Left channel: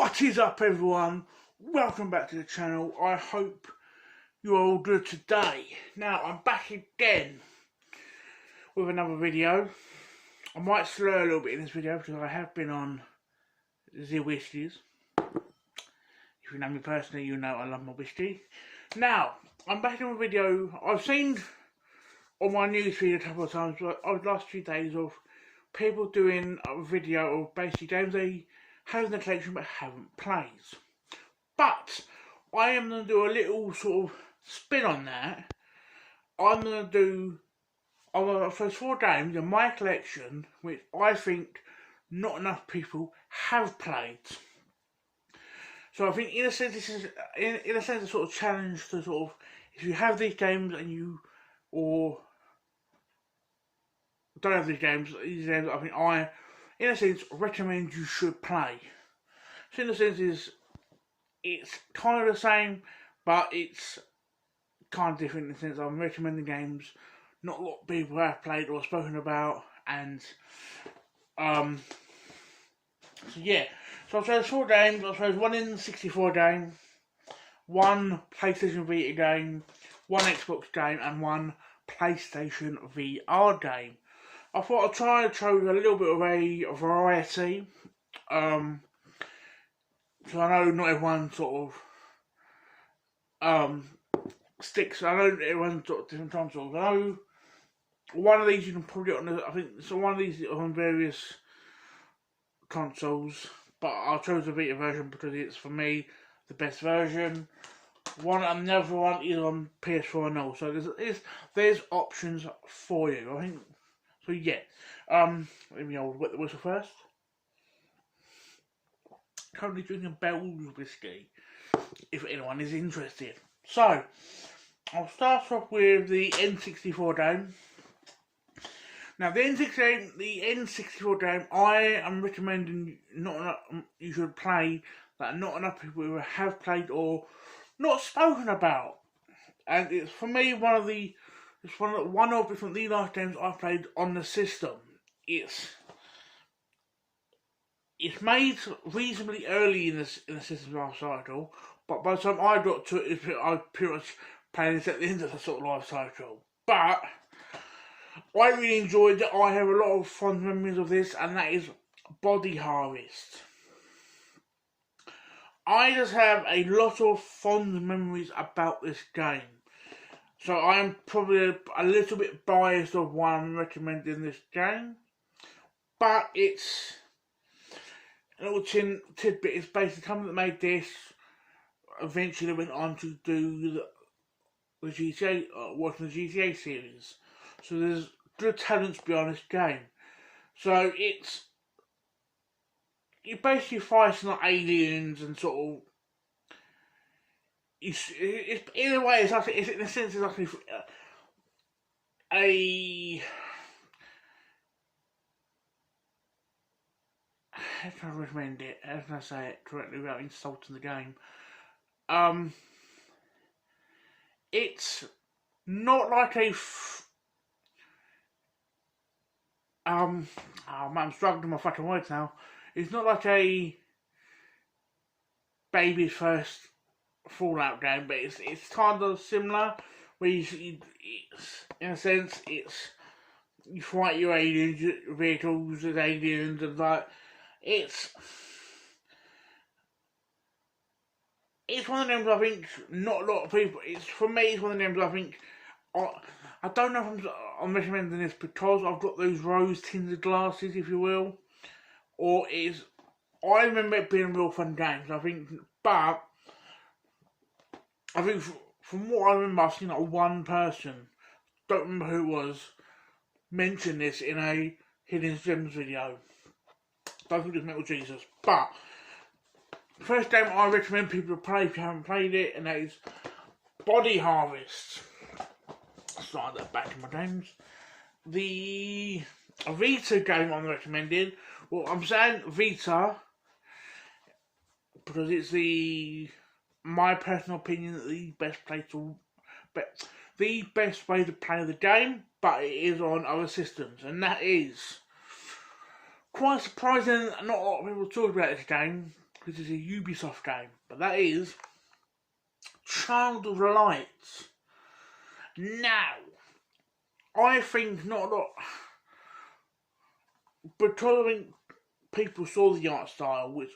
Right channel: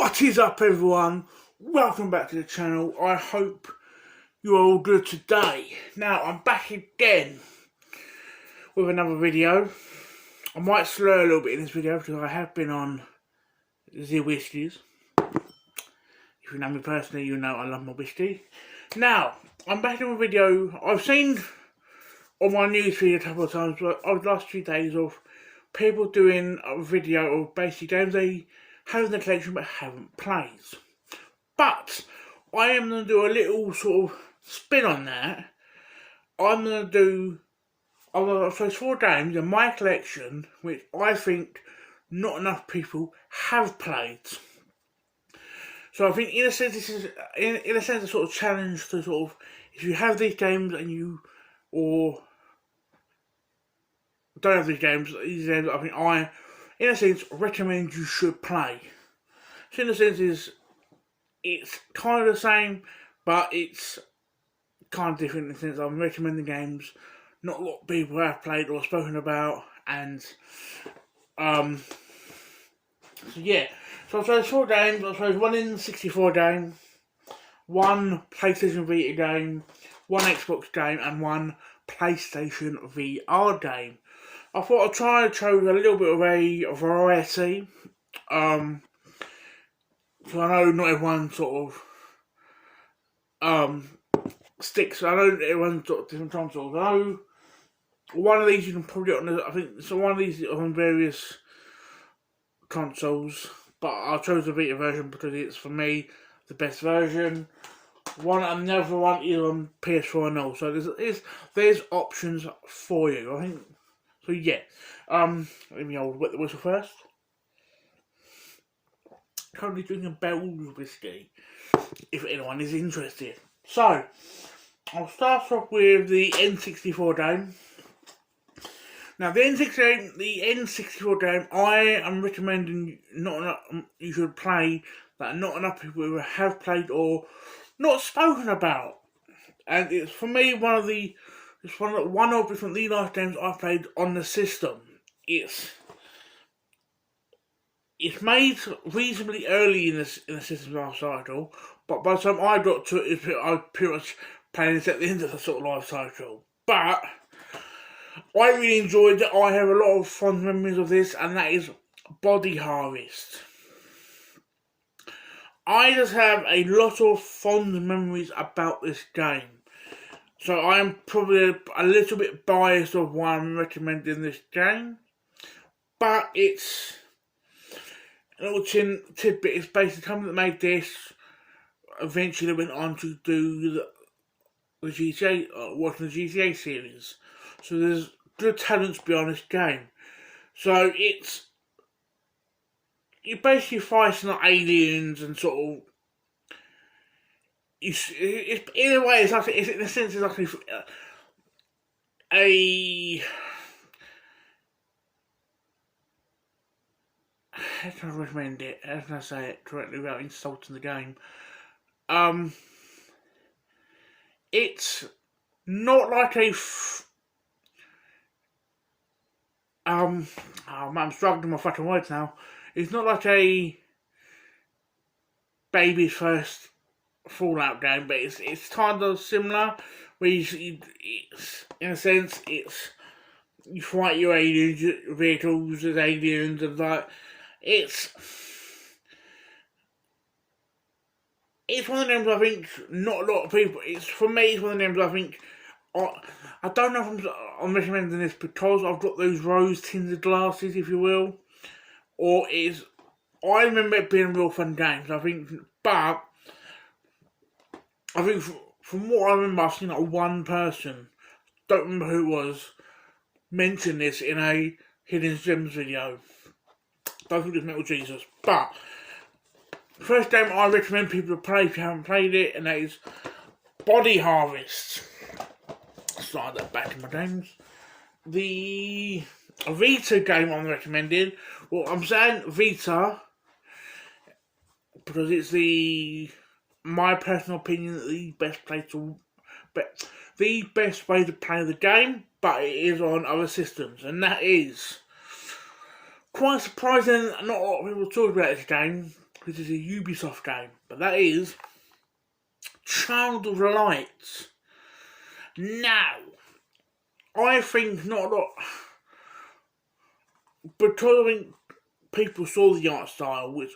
What is up, everyone? Welcome back to the channel. I hope you're all good today. Now, I'm back again with another video. I might slur a little bit in this video because I have been on the whiskies. If you know me personally, you know I love my whiskey. Now, I'm back in a video. I've seen on my newsfeed a couple of times over the last few days of people doing a video of basically games they have in the collection but haven't played. But I am going to do a little sort of spin on that. I'm going to choose 4 games in my collection which I think not enough people have played. So I think in a sense this is in a sense a sort of challenge to sort of, if you have these games and you don't have these games I think I in a sense recommend you should play. So in a sense it's kind of the same, but it's kind of different in the sense I'm recommending games not a lot of people have played or spoken about, and so yeah. So I chose 4 games. I chose 1 N64 game, 1 PlayStation Vita game, 1 Xbox game, and 1 PlayStation VR game. I thought I'd try to choose a little bit of a variety. So I know not everyone sort of sticks. I know everyone's got different consoles. I know one of these you can probably get on. I think so. One of these is on various consoles, but I chose the Vita version because it's for me the best version. Another one is on PS4 and all. So there's options for you. I think so. Yeah. Let me wet the whistle first. Currently drinking Bell's whiskey, if anyone is interested. So, I'll start off with the N64 game. Now, the N64 game, I am recommending you should play that not enough people have played or not spoken about. And it's for me one of the last games I've played on the system. It's made reasonably early in the system's life cycle, but by the time I got to it, I was pretty much playing it at the end of the sort of life cycle. But I really enjoyed it. I have a lot of fond memories of this, and that is Body Harvest. I just have a lot of fond memories about this game. So I'm probably a little bit biased of why I'm recommending this game. But it's a little tidbit. It's basically the company that made this eventually went on to do the GTA, working the GTA series. So there's good talents behind this game. So you're basically fighting like aliens and sort of. It's in a way, it's in a sense it's like how can I recommend it? How can I say it correctly without insulting the game? It's not like oh man, I'm struggling with my fucking words now. It's not like a baby's first Fallout game, but it's kind of similar. Where it's in a sense you fight your aliens, your vehicles as aliens, and like it's one of the games I think not a lot of people. For me, it's one of the games I think. I don't know if I'm recommending this because I've got those rose-tinted glasses, if you will, or I remember it being a real fun game. I think, but I think from what I remember, I've seen like one person, don't remember who it was, mention this in a Hidden Gems video. Don't think it's Metal Jesus, but first game I recommend people to play if you haven't played it, and that is Body Harvest. Slide that back in my games. The Vita game I'm recommending, well, I'm saying Vita because it's my personal opinion, the best way to play the game, but it is on other systems, and that is quite surprising. Not a lot of people talk about this game. This is a Ubisoft game, but that is Child of Light. Now, I think not a lot, because I think people saw the art style, which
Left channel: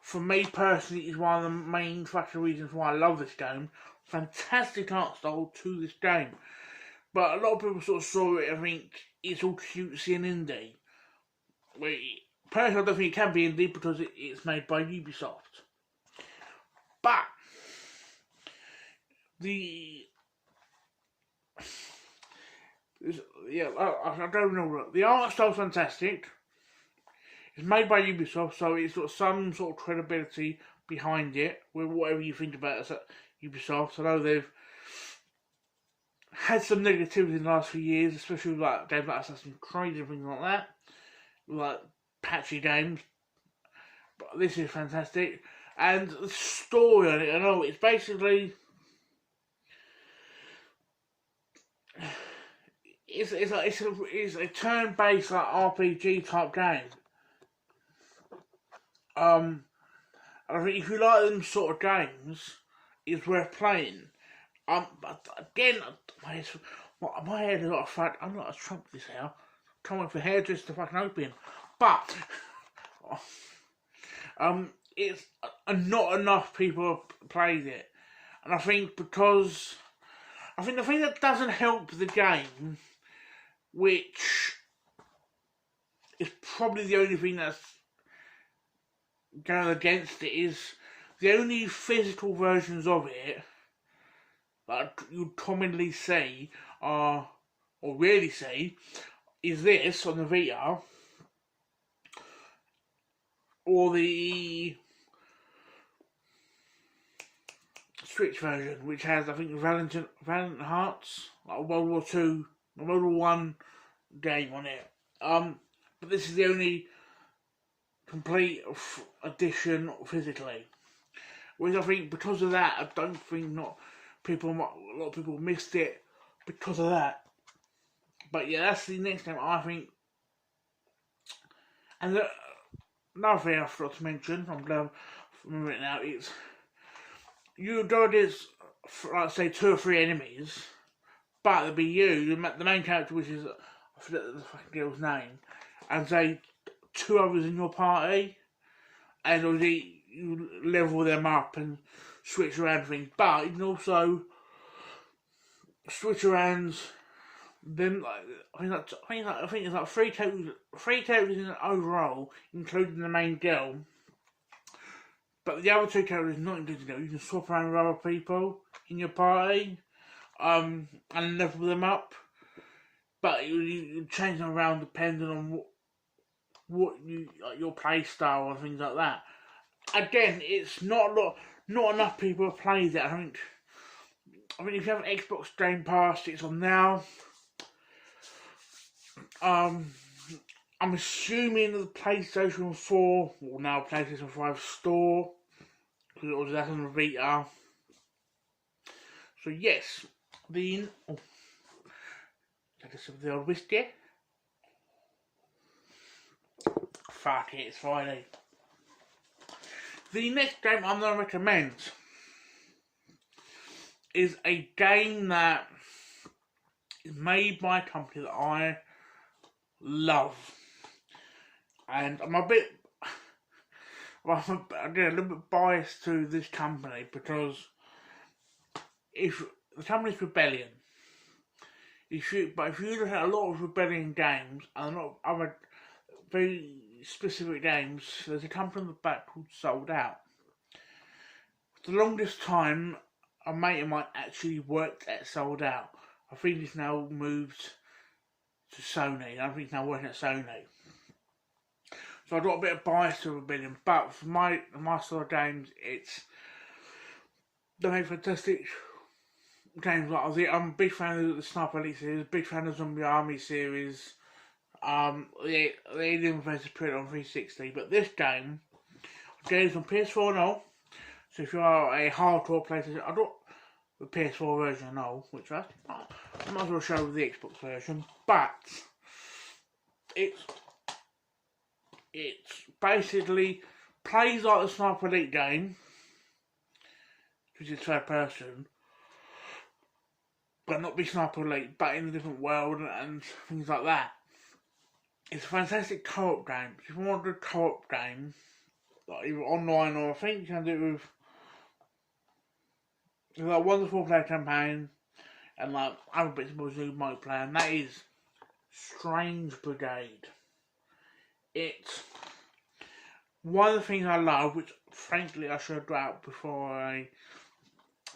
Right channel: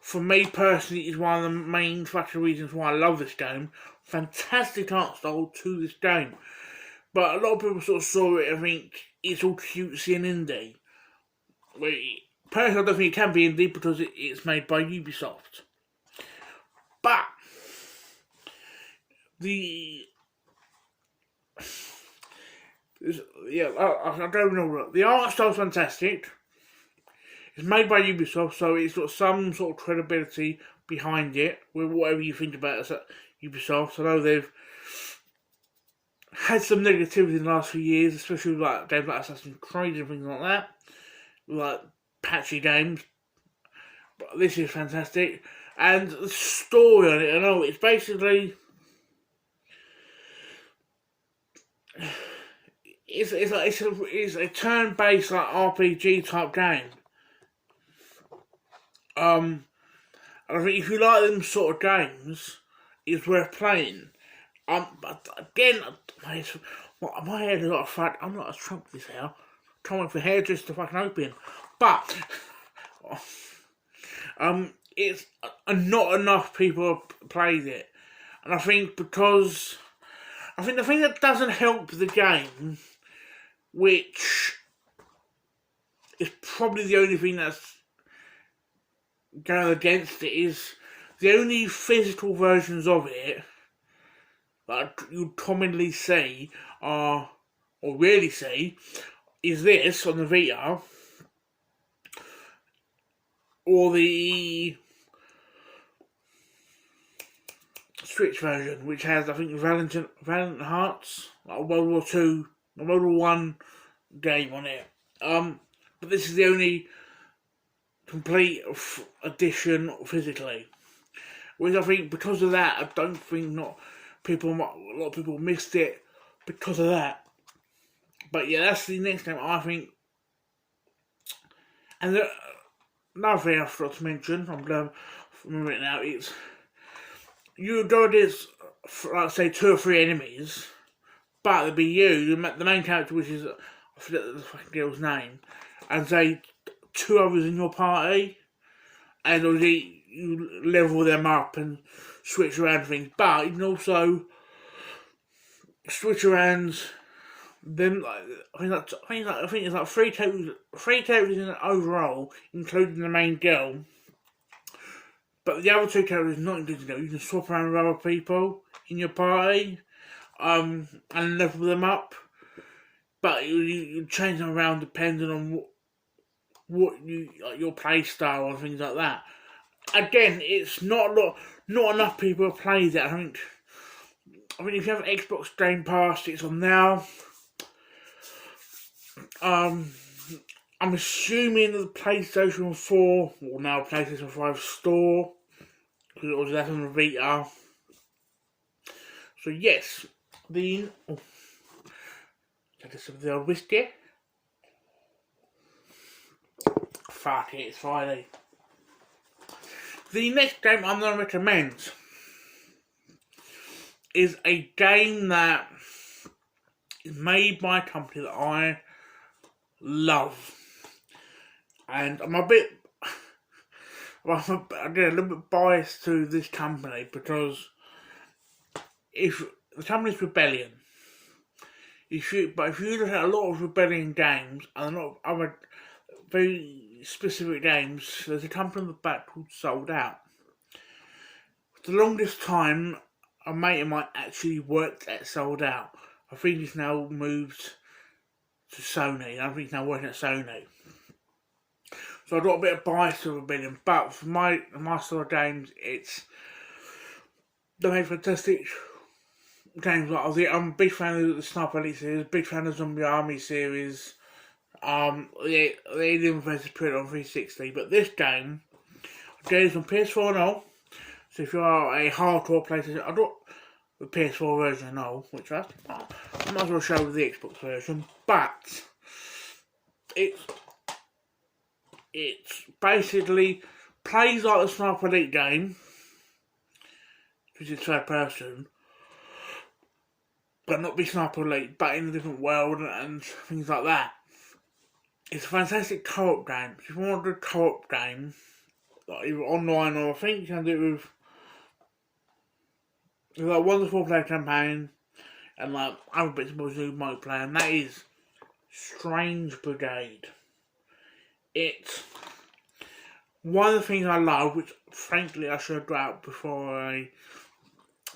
for me personally is one of the main factor reasons why I love this game. Fantastic art style to this game. But a lot of people sort of saw it and think it's all cutesy and indie. Personally, I don't think it can be indie because it's made by Ubisoft. But I don't know. The art style's fantastic. It's made by Ubisoft, so it's got some sort of credibility behind it. With whatever you think about it, Ubisoft. I know they've had some negativity in the last few years, especially with like games like Assassin's Creed and things like that, like patchy games. But this is fantastic, and the story on it, I know it's basically it's a turn-based like RPG type game. And I think if you like them sort of games, it's worth playing. But again, my hair is not a fat. I'm not a Trump this hair. Trying for hair just to fucking open. But it's not enough people played it, and I think because the thing that doesn't help the game, which is probably the only thing that's going against it, is the only physical versions of it that you commonly see or rarely see is this on the Vita or the Switch version, which has, I think, Valiant Hearts, like World War II, World War One game on it. But this is the only complete edition physically, which I think because of that, I don't think a lot of people missed it because of that. But yeah, that's the next game I think. And another thing I forgot to mention, I'm glad I remember it now, it's you go against, like say, 2 or 3 enemies, but it'll be you, the main character, which is, I forget the fucking girl's name, and say 2 others in your party, and obviously you level them up and switch around things, but you can also switch around them. I think it's like 3 characters in overall, including the main girl. But the other 2 characters not included. You can swap around with other people in your party, and level them up. But you change them around depending on what your play style and things like that. Again, it's not enough people have played it. I think if you have Xbox Game Pass, it's on now. I'm assuming that the PlayStation 4, or now PlayStation 5 store, because that's on the Vita. So yes, get some of the old whiskey. Fuck it, it's Friday. The next game I'm going to recommend is a game that is made by a company that I love. And I'm a little bit biased to this company because if the company's Rebellion, if you look at a lot of Rebellion games and a lot of other very specific games, there's a company in the back called Sold Out. For the longest time, a mate of mine actually worked at Sold Out. I think he's now moved to Sony. I think he's now working at Sony. So I've got a bit of bias to Rebellion, but for my sort of games, they make fantastic games. Like I'm a big fan of the Sniper Elite series, big fan of Zombie Army series, the Alien vs Predator on 360. But this game, again, is on PS4 and all. So if you are a hardcore PlayStation, I got the PS4 version and all, which I might as well show the Xbox version, but it's basically plays like the Sniper Elite game, which is third person, but not be Sniper Elite, but in a different world and things like that. It's a fantastic co-op game. If you want to do a co-op game, like either online or I think you can do it with like wonderful player campaign and like other bits and bobs you might play, and that is Strange Brigade. It's one of the things I love, which frankly I should have got out before I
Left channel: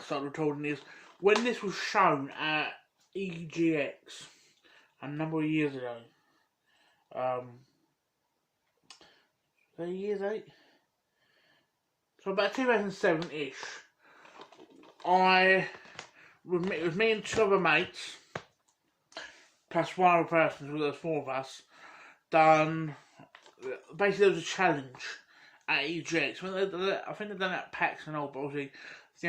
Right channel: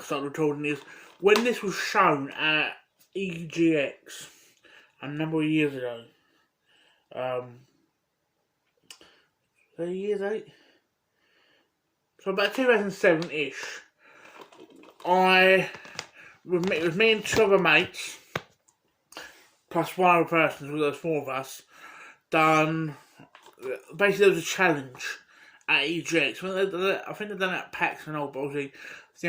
started recording, is when this was shown at EGX a number of years ago. 30 years, 8? So about 2007-ish, it was me and 2 other mates, plus 1 other person, so there's 4 of us, done, basically there was a challenge at EGX. I think they've done it at PAX and all, but obviously it's the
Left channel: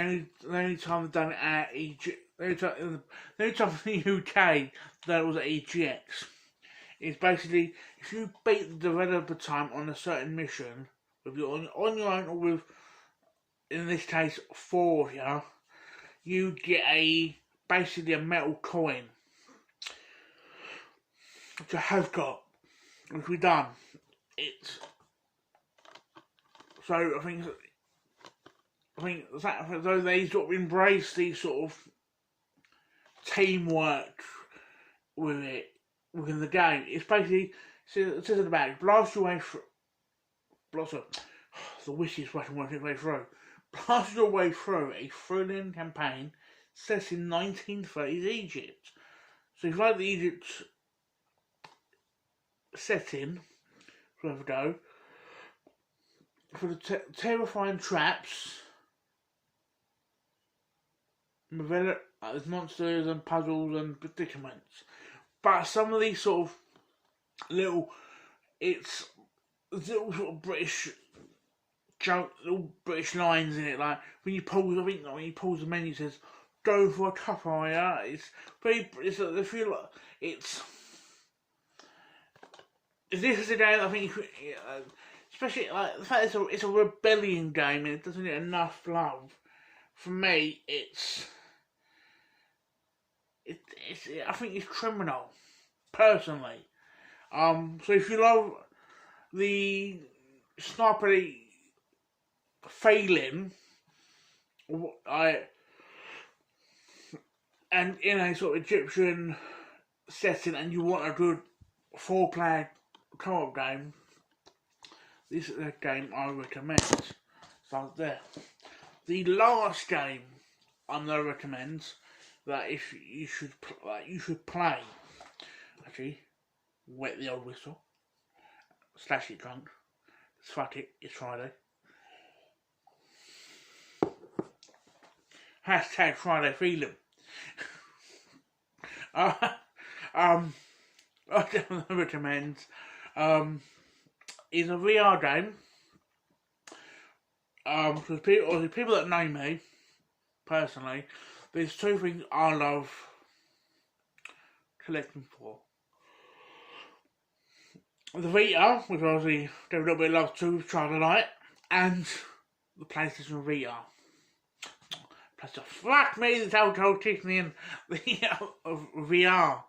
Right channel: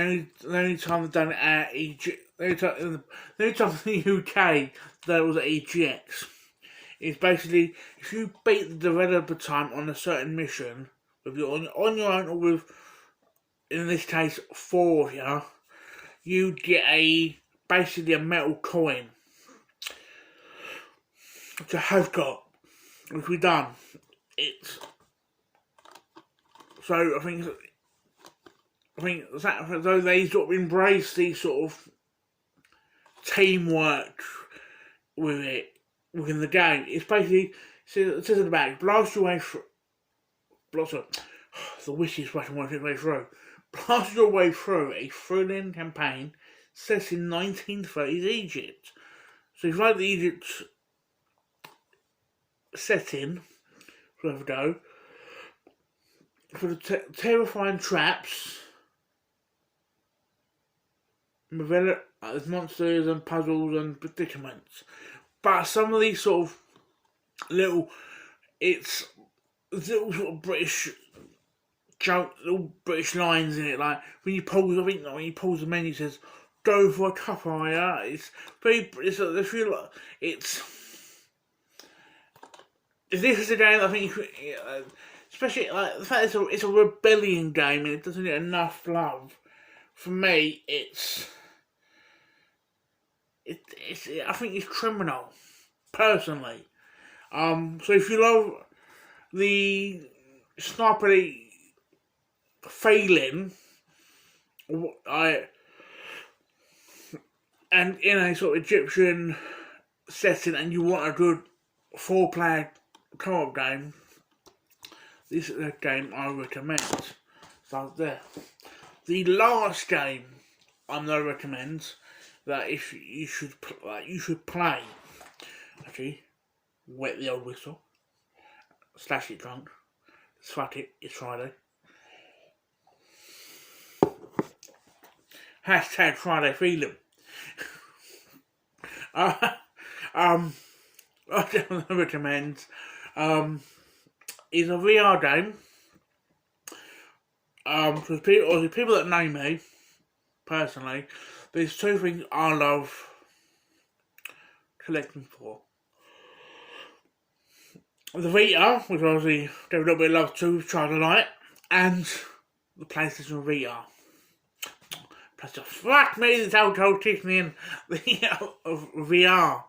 only time they've done it at EGX, the only time in the UK that it was at EGX. It's basically, if you beat the developer time on a certain mission, with you on your own or with, in this case, 4 of you, you get basically a metal coin, which I have got, which we've done. So I think though they sort of embrace these sort of teamwork with it within the game. It's basically, it says in the back, blast your way through. The wish is rushing one way through. Blast your way through a thrilling campaign set in 1930s Egypt. So if you like the Egypt setting, where we go, for the terrifying traps, there's monsters and puzzles and predicaments. But some of these sort of little sort of British joke, little British lines in it, like when you pause, I think like when you pause the menu, it says "Go for a cuppa," yeah. It's very, I feel like it's. If this is a game, I think, especially like the fact it's a rebellion game and it doesn't get enough love. For me, I think it's criminal, personally. So if you love the Sniper Elite failing, and in a sort of Egyptian setting, and you want a good 4-player co-op game, this is a game I recommend. So there. The last game I'm gonna recommend that if you should play. Actually, wet the old whistle. Slash it drunk. Swat it. It's Friday. Hashtag Friday feeling. I recommend is a VR game. Because people that know me personally, there's 2 things I love collecting for. The Vita, which obviously gave a little bit of love to Child Light, and the PlayStation VR. Plus, fuck me, this alcohol kicking in the VR.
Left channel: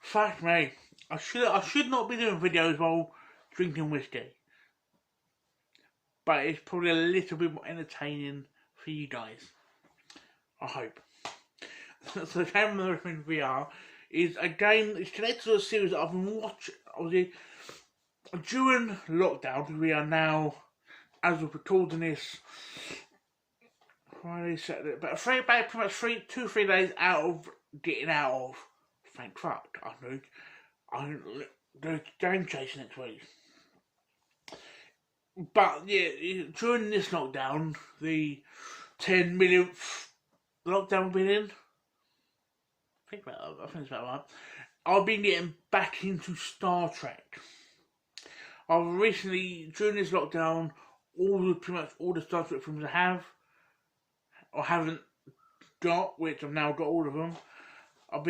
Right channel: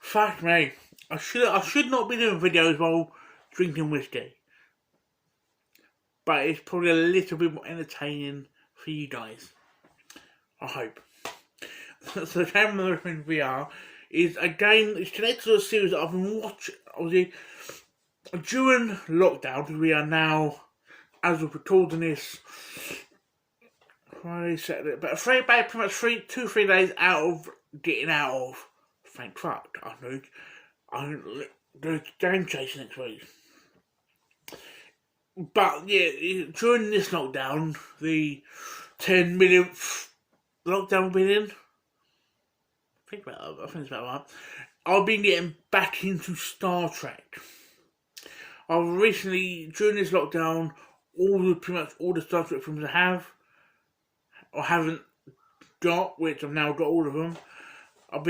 Fuck me. I should not be doing videos while drinking whiskey. But it's probably a little bit more entertaining for you guys. I hope. So the game I'm in VR is a game that's connected to a series that I've been watching. Obviously, during lockdown, because we are now, as we're recording this, Friday, Saturday, but pretty much 2-3 days out of getting out of. Thank fuck. I'm doing game chasing next week. But yeah, during this lockdown, the 10 millionth lockdown we've been in, I think it's about right. I've been getting back into Star Trek. I've recently, during this lockdown, pretty much all the Star Trek films I have, or haven't got, which I've now got all of them. I've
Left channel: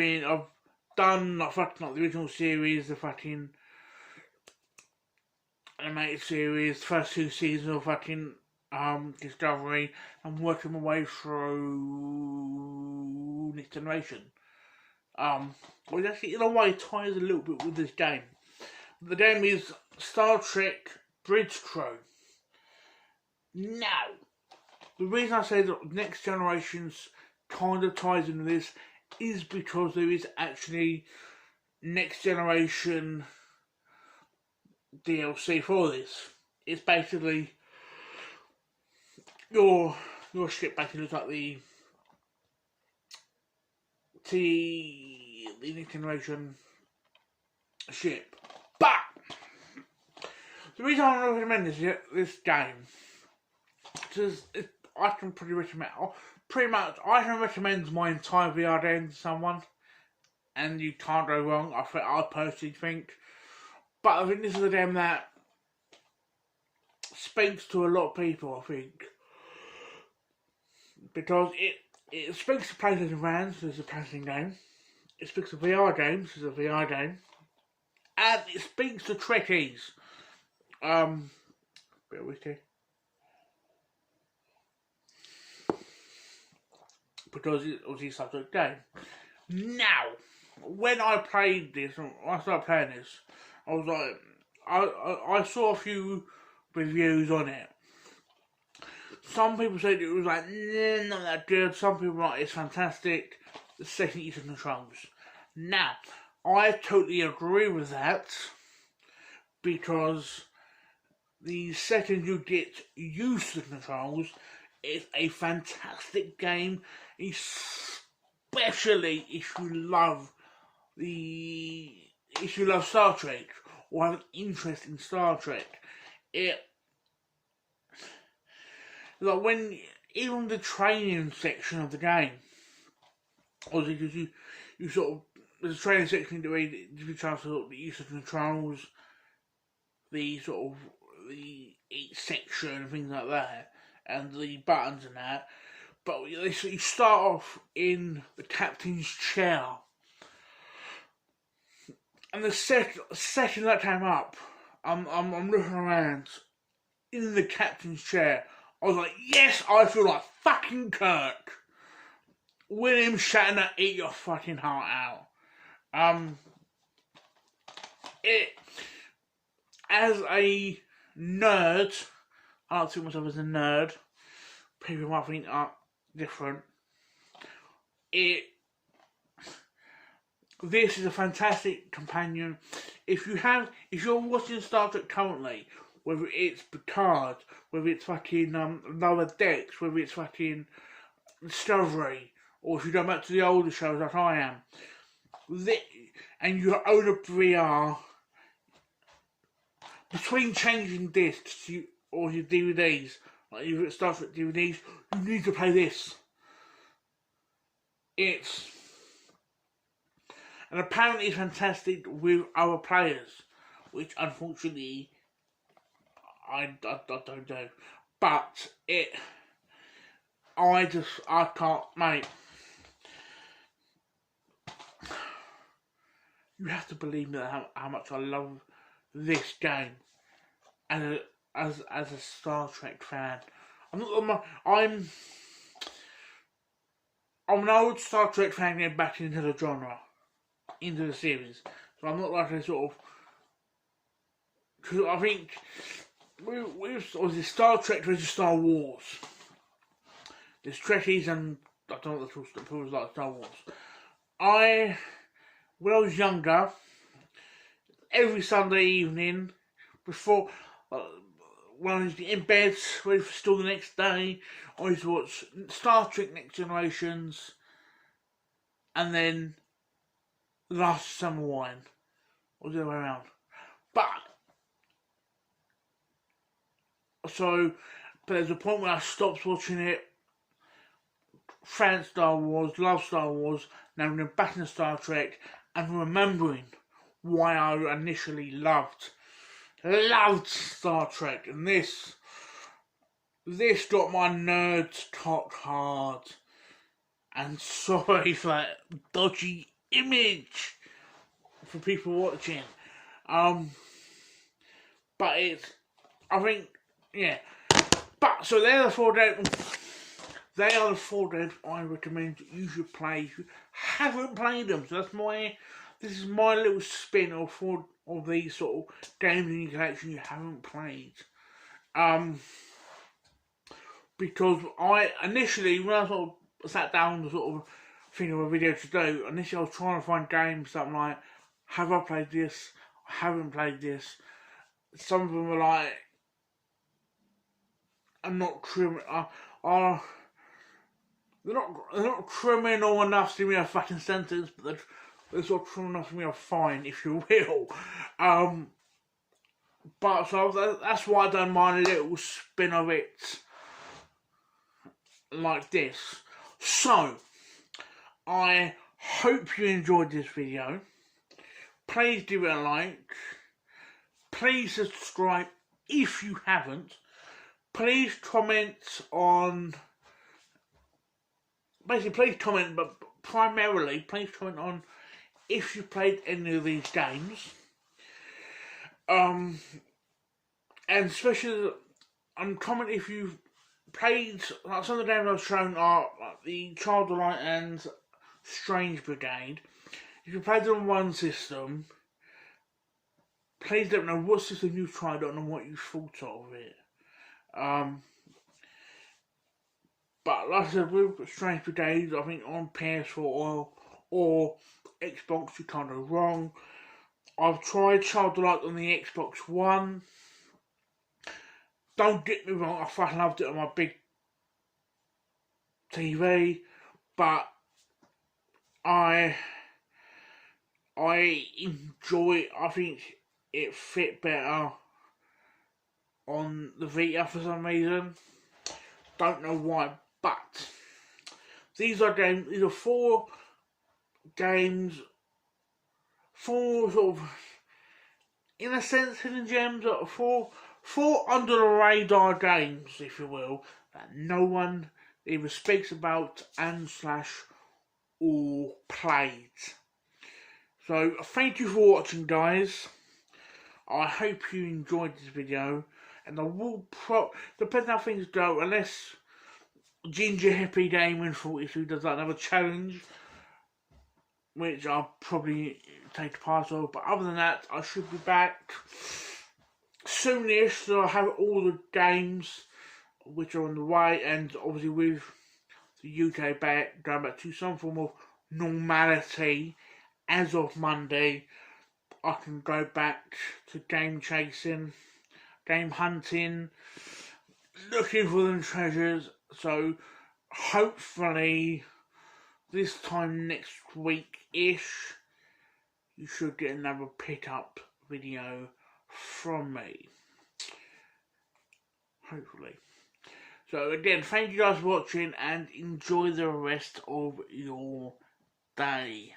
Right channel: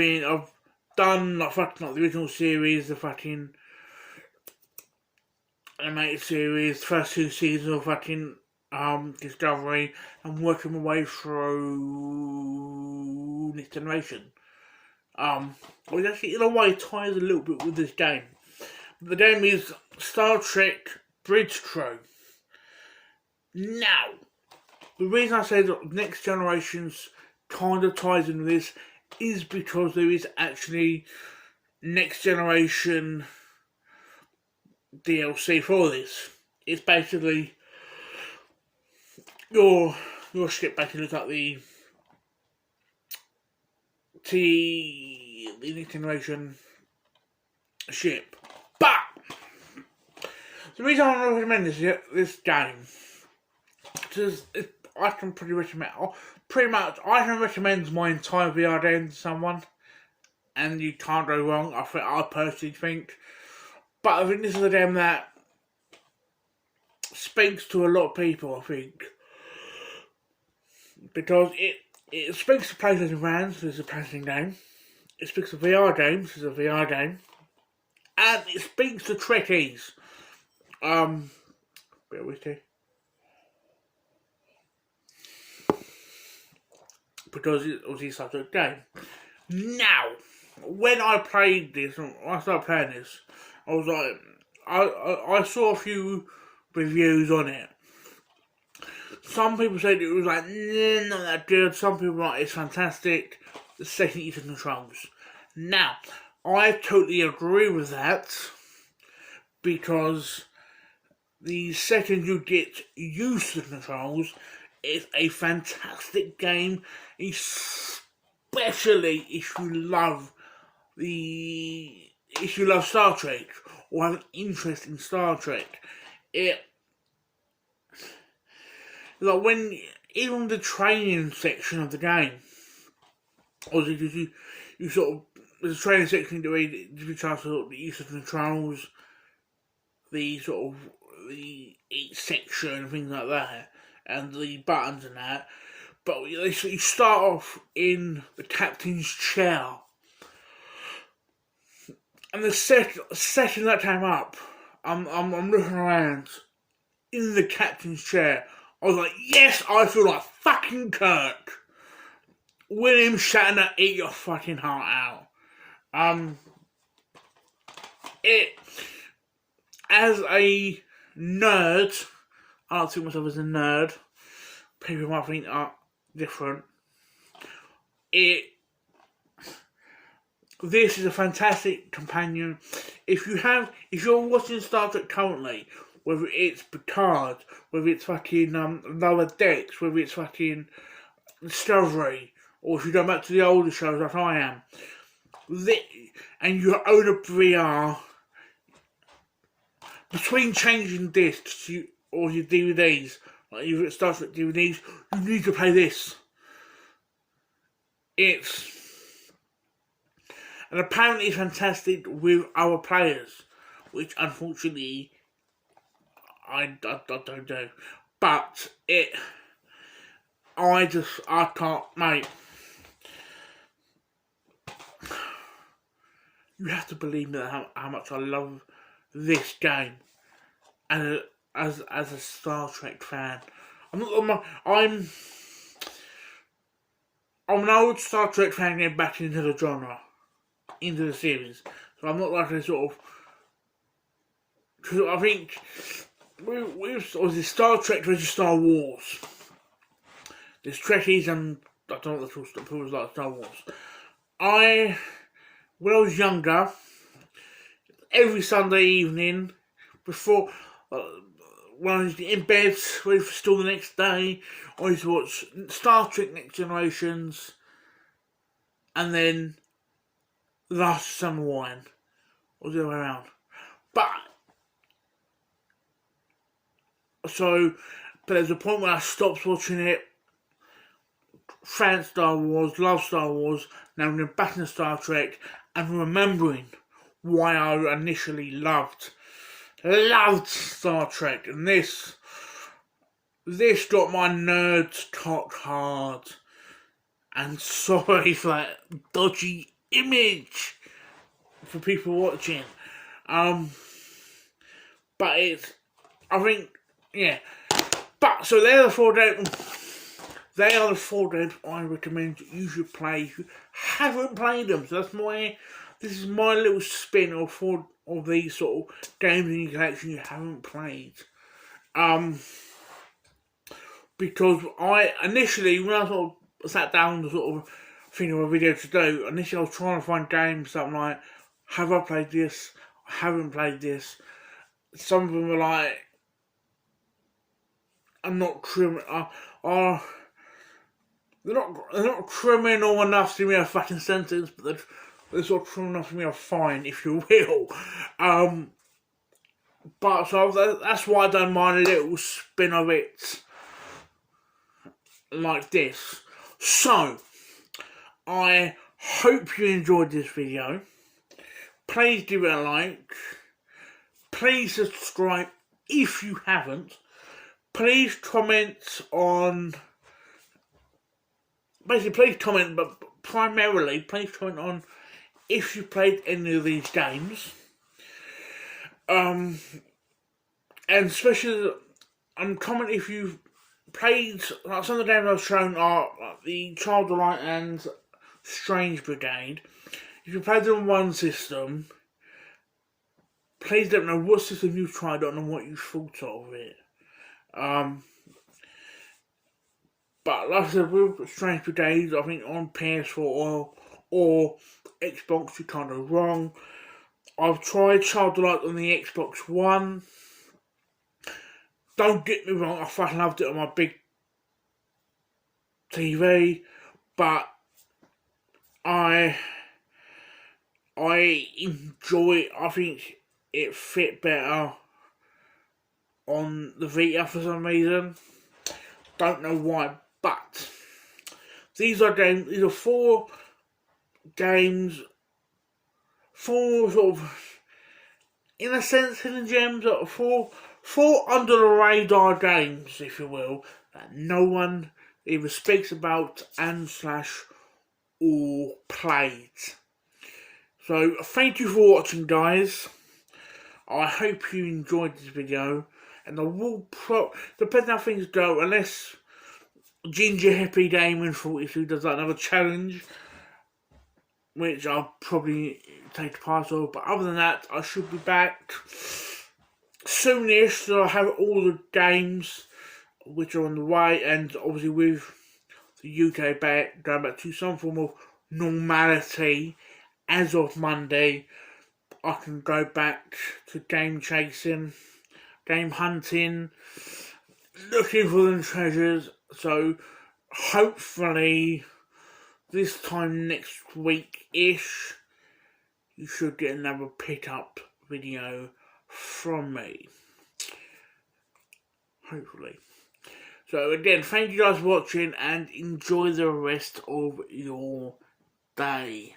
done like the original series, the fucking animated series, first 2 seasons of fucking Discovery, and working my way through Next Generation. Which actually in a way ties a little bit with this game. The game is Star Trek Bridge Crew. Now, the reason I say that Next Generations kind of ties into this is because there is actually Next Generation DLC for this. It's basically your ship basically looks like the Next Generation ship. But the reason I want to recommend this game is I can pretty much I can recommend my entire VR game to someone, and you can't go wrong. I personally think, but I think this is a game that speaks to a lot of people. I think because it speaks to PlayStation fans. This is a PlayStation game. It speaks to VR games. This is a VR game, and it speaks to Trekkies. Bit of whiskey. Because it was such a game. Now, when I played this, when I started playing this, I was like, I saw a few reviews on it. Some people said it was like, not that good. Some people were like, it's fantastic. The second you use the controls. Now, I totally agree with that, because the second you get used to the controls, it's a fantastic game, especially if you love Star Trek or have an interest in Star Trek. Like when even the training section of the game, obviously you sort of there's a training section where you give you a chance to get used to the controls, the sort of the each section and things like that, and the buttons and that. But you start off in the captain's chair, and the second that came up, I'm looking around in the captain's chair. I was like, yes, I feel like fucking Kirk. William Shatner, eat your fucking heart out. As a nerd, I don't think myself as a nerd. People might think are different. This is a fantastic companion. If you're watching Star Trek currently, whether it's Picard, whether it's fucking Lower Decks, whether it's fucking Discovery, or if you go back to the older shows like I am, and you own a VR, between changing discs or your DVDs, like you've got Star Trek DVDs, you need to play this. And apparently it's fantastic with other players, which unfortunately I don't do. But I can't, mate. You have to believe me how much I love this game, and as a Star Trek fan, I'm an old Star Trek fan getting back into the genre, into the series. So I'm not like a sort of, because I think with the Star Trek versus Star Wars, there's Trekkies and I don't know what the people like Star Wars. When I was younger, every Sunday evening, before, when I was in bed, ready for school the next day, I used to watch Star Trek Next Generations, and then Last Summer Wine, or the other way around. But there's a point where I stopped watching it, fan Star Wars, love Star Wars, now I'm back in Star Trek, and remembering why I initially loved Star Trek, and this got my nerds cock hard, and sorry for that dodgy image for people watching, but it's, I think, yeah. But, so they're the 4 games, they are the 4 games I recommend you should play if you haven't played them. So this is my little spin of 4 of these sort of games in your collection you haven't played. Because I initially, when I sort of sat down to sort of think of a video to do, initially I was trying to find games that I'm like, have I played this? I haven't played this. Some of them are like, I'm not they're not criminal enough to give me a fucking sentence, but they're sort of criminal enough to give me a fine, if you will. But so that's why I done my little spin of it like this. So I hope you enjoyed this video. Please give it a like. Please subscribe if you haven't. Please comment on... Basically, please comment, but primarily, please comment on if you played any of these games. And especially, comment if you've played, like some of the games I've shown are like the Child of Light and Strange Brigade. If you played them on one system, please let me know what system you've tried on and what you thought of it. But like I said, with Strange Brigade, I think on PS4 or Xbox you can't go wrong. I've tried Child of Light on the Xbox One. Don't get me wrong, I fucking loved it on my big TV, but I enjoy it. I think it fit better on the Vita for some reason. Don't know why, but these are 4 games, 4 sort of, in a sense, hidden gems, 4 under the radar games, if you will, that no one either speaks about and / or played. So thank you for watching, guys. I hope you enjoyed this video, and I will depending on how things go, unless Ginger Hippie Gaming 42 does another challenge, which I'll probably take the part of, but other than that, I should be back soonish, so I have all the games which are on the way, and obviously with the UK going back to some form of normality as of Monday, I can go back to game chasing, game hunting, looking for them treasures. So hopefully this time next week-ish, you should get another pick-up video from me. Hopefully. So again, thank you guys for watching and enjoy the rest of your day.